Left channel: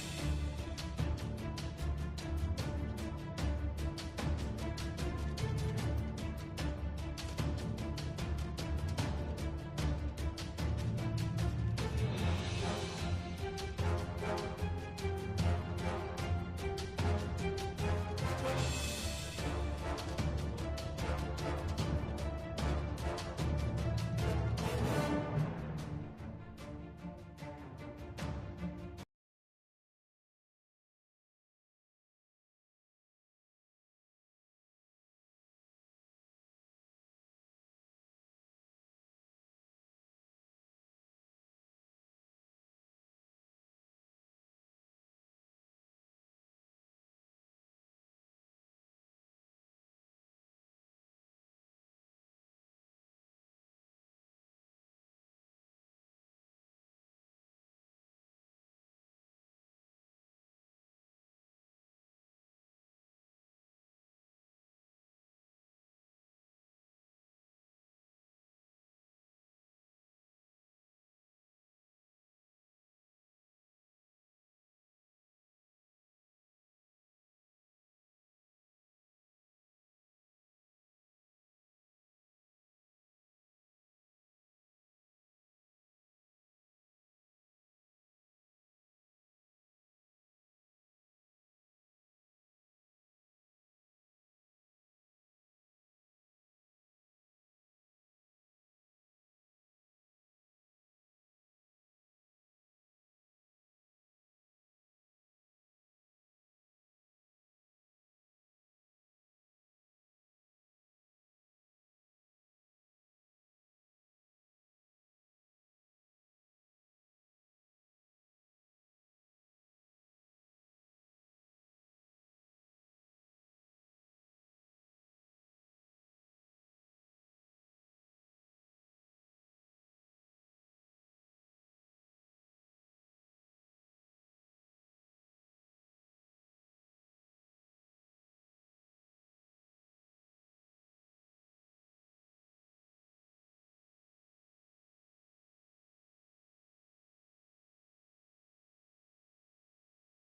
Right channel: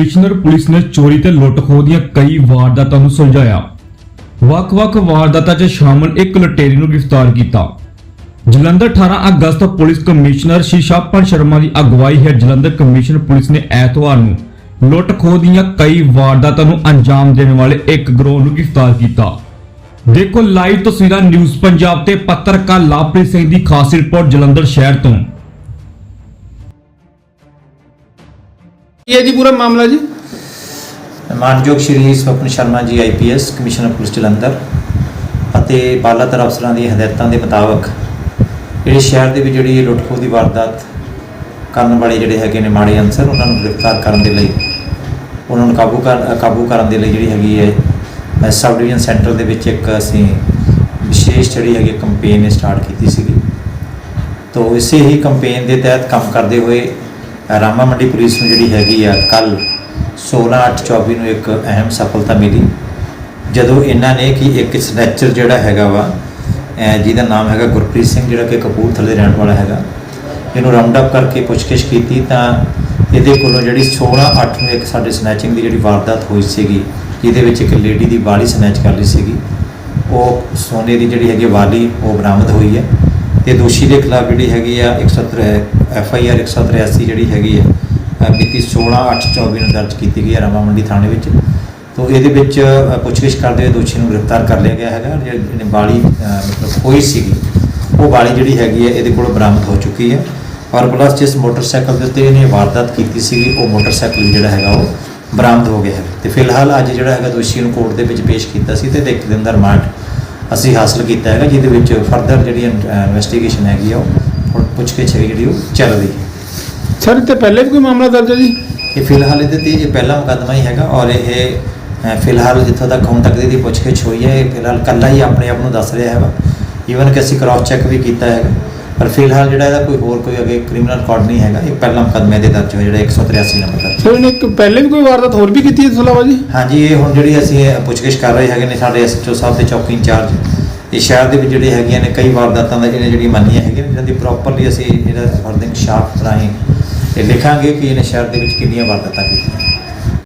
Commissioner police ਨੇ ਚੋਰੀ ਤੇ ਲੁੱਟ-ਖੋਹ ਦੀਆਂ ਕਈ ਵਾਰਦਾਤਾਂ ਨੂੰ ਸੁਲਝਾਇਆ। ਵੱਖ-ਵੱਖ ਵਾਰਦਾਤਾਂ 'ਚ ਸ਼ਾਮਲ ਇੱਕ ਲੁਟੇਰੀ ਨੂੰ ਗ੍ਰਿਫਤਾਰ ਕੀਤਾ। ਜਲੰਧਰ 18 ਅਗਸਤ ਪੁਲਿਸ ਕਮਿਸ਼ਨਰ ਸ਼ਿਸ਼ਾਪਨ ਸ਼ਰਮਾ ਦੀ ਅਗਵਾਈ ਹੇਠ ਜਲੰਧਰ ਕਮਿਸ਼ਨ ਪੁਲਿਸ ਨੇ ਐਤਵਾਰ ਨੂੰ ਲੁੱਟ-ਖੋਹ ਦੀਆਂ ਕਈ ਵਾਰਦਾਤਾਂ ਨੂੰ ਅੰਜਾਮ ਦੇਣ ਵਾਲੇ ਇੱਕ ਗਰੋਹ ਨੂੰ ਗ੍ਰਿਫਤਾਰ ਕੀਤਾ। ਦੇਖੋ ਲਾਈਵ ਤਸਵੀਰਾਂ ਨਿਊਜ਼ ਪੰਜਾਬ ਤੇ ਪੱਤਰਕਾਰ ਲਾਪ੍ਰੀਤ ਸਿੰਘ ਦੀ ਖਾਸ ਰਿਪੋਰਟ ਜਲੰਧਰ ਸ਼ਹਿਰ ਤੋਂ। ਕੀ ਹੈ ਜੀ ਪੂਰਾ ਮਾਮਲਾ ਜੀ? ਮਾਨਯੋਗ ਸ਼੍ਰੀ Swapan Sharma ji IPS commissioner police Jalandhar ਅਤੇ ਬਾਲਾਤਰ ਅਫਸਰਾਂ ਦੀਆਂ ਹਦਾਇਤਾਂ ਦੇ ਮੁਤਾਬਕ ਜਿਹੜੇ ਸ਼ਹਿਰ ਦੇ ਵਿੱਚ ਜਿਹੜੀ ਲੁੱਟਖੋ ਦੀ ਵਾਰਦਾਤ ਕਰਨ ਵਾਲੇ ਜਿਹੜੇ ਹੈਗੇ ਨੇ ਮਾੜੇ ਅਨਸਰ ਉਹਨਾਂ ਨੂੰ ਗ੍ਰਿਫਤਾਰ ਕਰਨ ਦੇ ਲਈ ਉਹਨਾਂ ਨੂੰ ਕਾਬੂ ਕਰ ਕਾਬੂ ਕਰਨ ਦੇ ਲਈ ਜਿਹੜੀ ਹੈਗੀ ਹੈ ਅ, ਸਬ ਡਿਵੀਜ਼ਨ ਸੈਂਟਰ ਦੇ ਵਿੱਚ ਇੱਕ ਅਸੀਂ ਵਿਸ਼ੇਸ਼ ਜਿਹੜੀ ਹੈਗੀ ਕੰਪੇਨ ਸਟਾਰਟ ਕੀਤੀ ਸੀਗੀ। ਤੋ ਇਸੇ ਹੀ ਕੰਪੇਨ ਦੇ ਤਹਿਤ ਕੰਮ ਕਰਦੇ ਹੋਏ ਰਾਮਾ ਮੰਡੀ ਪੁਲਿਸ ਨੂੰ ਜਿਹੜੀ ਹੈਗੀ ਆ, ਕੱਲ 16/8/24 ਨੂੰ ਇੱਕ ਅਹਿਮ ਸਫਲਤਾ ਮਿਲੀ। ਜਦੋਂ ਇਹਨਾਂ ਨੇ ਕਿ ਇੱਕ ਸਨੈਚਰ ਜਿਹੜਾ ਹੈਗਾ ਵਾ ਜਿਹਦਾ ਨਾਮ ਹੈਗਾ ਗੁਰਪ੍ਰੀਤ ਸਿੰਘ, ਜਿਹੜਾ ਕਿ ਕਪੂਰਥਲੇ ਰਹਿਣ ਵਾਲਾ ਹੈਗਾ, ਇਹਨੂੰ ਰਾਉਂਡ ਅਪ ਕਰਕੇ ਪੁੱਛਗਿੱਛ ਕੀਤੀ ਤਾਂ ਇਹਦੇ ਕੋਲੋਂ ਜਿਹੜੀ 16/8 ਨੂੰ ਇੱਕ ਸਾਡੇ ਸਨੈਚਿੰਗ ਦੀ ਜਿਹੜੀ ਵਾਰਦਾਤ ਹੋਈ ਸੀਗੀ, ਜਿਹਦੇ ਵਿੱਚ ਇੱਕ ਲੇਡੀ ਦੀ ਵਾਲੀ ਸਨੈਚ ਕਰ ਲਈ ਸੀਗੀ, ਉਹ ਸੋਨੇ ਦੀ ਜਿਹੜੀ ਹੈਗੀ ਵਾਲੀ, ਉਹ ਬਰਾਮਦ ਹੋਈ ਹੈ। ਤੇ ਦੋਸ਼ੀ ਦੇ ਖਿਲਾਫ ਜਿਹੜੀ ਹੈਗੀ ਆ 173 ਐਫ ਆਈ ਆਰ 183 ਜਿਹੜੀ ਹੈਗੀ ਆ ਅ, ਮਿਤੀ 16/8/24 ਨੂੰ ਦਰਜ ਕੀਤੀ ਗਈ ਹੈ ਰਾਮਾ ਮੰਡੀ ਥਾਣੇ ਵਿੱਚ। ਤੋਂ ਇਹਦੇ ਵਿੱਚ ਪੁੱਛਗਿੱਛ ਕਰਦੇ ਹੋਏ ਦੋਸ਼ੀ ਨੂੰ ਗ੍ਰਿਫਤਾਰ ਕਰ ਲਿਆ ਗਿਆ ਹੈਗਾ ਜਿਹੜੀ ਬਾਲੀ ਮਤਲਬ ਹੋਈ ਸੀਗੀ ਉਹ ਬਾਲੀ ਜਿਹੜੀ ਹੈਗੀ ਹੈ ਇਹਦੇ ਕੋਲ ਬਰਾਮਦ ਹੋ ਚੁੱਕੀ ਹੈ ਔਰ ਪਲੱਸ ਜਿਸ ਮੋਟਰਸਾਈਕਲ ਦੇ ਉੱਤੇ ਇਹਨੇ ਵਾਰਦਾਤ ਕੀਤੀ ਸੀਗੀ ਉਹ ਮੋਟਰਸਾਈਕਲ ਜਿਹੜਾ ਹੈਗਾ ਉਹ ਬਰਾਮਦ ਹੋ ਗਿਆ ਹੈ। ਤੇ ਫਿਲਹਾਲ ਅੱਜ ਜਿਹੜਾ ਹੈਗਾ ਦੋਸ਼ੀ ਨੂੰ ਕੋਰਟ ਦੇ ਵਿੱਚ ਪੇਸ਼ ਕੀਤਾ ਸੀ ਤੇ ਇੱਕ ਦਿਨ ਦਾ ਰਿਮਾਂਡ ਅਸੀਂ ਹਾਸਲ ਕੀਤਾ ਹੈਗਾ ਜਿਹਦੇ ਵਿੱਚ ਫਰਦਰ ਜਿਹੜੀ ਇਨਵੈਸਟੀਗੇਸ਼ਨ ਹੈਗੀ ਆ ਉਹ ਹੁਣ ਪੁੱਛਗਿੱਛ ਹੈਗੀ ਜਿਹੜੀ ਉਹ ਚੱਲ ਰਹੀ ਹੈ। ਸਰ ਇਹ ਤੇ ਪਹਿਲੇ ਵੀ ਕੋਈ ਮਾਮਲਾ ਦਰਜ ਹੈ ਜੀ? ਇਹ ਫਿਲਹਾਲ ਇਹਦੇ ਤੇ ਇਹ ਪਹਿਲਾ ਮੁਕੱਦਮਾ ਹੀ ਹੈਗਾ ਔਰ ਇਹ ਫਿਲਹਾਲ ਜਿੱਥੋਂ ਤੱਕ ਹੁਣ ਤੱਕ ਦੀ ਪੁੱਛਗਿੱਛ ਹੋਈ ਹੈ ਇਹ ਫਿਲਹਾਲ ਕੱਲਾ ਹੀ ਆਪਣੇ ਆਪ ਨੂੰ ਦੱਸ ਰਿਹਾ ਹੈਗਾ। ਈਵਨ ਕਿ ਅਸੀਂ ਕ੍ਰਾਸ ਚੈੱਕ ਵੀ ਕੀਤਾ ਹੈਗਾ। ਪਰ ਫਿਲਹਾਲ ਜਿਹੜਾ ਇਹਦਾ ਕੋਈ ਹੋਰ ਕੋਈ ਅੱਗੇ ਕ੍ਰਿਮੀਨਲ ਰਿਕਾਰਡ ਨਹੀਂ ਹੈਗਾ ਇਹ ਪਹਿਲਾ ਮੁਕੱਦਮਾ ਇਹਦੇ ਦਰਜ ਹੋਇਆ ਜਿਹੜਾ 183 ਨੰਬਰ ਦਾ। ਸਰ ਇਹਨੇ ਇੱਕ ਪਹਿਲੇ ਵੀ ਕੋਈ ਵਾਰਦਾਤ ਹੋਰ ਵੀ ਕੀਤੀ ਹੈ ਇਲਾਵਾ ਜੀ? ਹਾਂਜੀ ਇਹ ਹੁਣ ਜਿਹੜੀ ਅਸੀਂ ਇਹ ਪੁੱਛਗਿੱਛ ਕਰ ਰਹੇ ਹੈਗੇ ਨੇ ਸਾਡੇ ਐਸਐਚਓ ਸਾਹਿਬ ਤੇ ਚੌਕੀ ਇੰਚਾਰਜ ਇਹ ਸ਼ਹਿਰ ਦੇ ਵਿੱਚ ਜਿਹੜੇ ਹੈਗੀਆਂ ਨੇ ਕਈ ਵਾਰਦਾਤਾਂ ਦਾ ਜਿਹੜੇ ਜਿਹੜੀ ਮੰਨੀਆਂ ਹੈਗੀਆਂ ਨੇ, ਜਿਹਨਾਂ ਦੀ ਪ੍ਰੋਪਰਲੀ ਅਸੀਂ ਜਿਹੜਾ ਫਰਦਿੰਗ ਸ਼ਾਫਟ ਰਾਹੀਂ ਇਹ ਲਿਖਾਂਗੇ ਕਿ ਇਹਨੇ ਸ਼ਹਿਰ ਦੇ ਵਿੱਚ ਕਿੰਨੀਆਂ ਵਾਰਦਾਤਾਂ ਕੀਤੀਆਂ।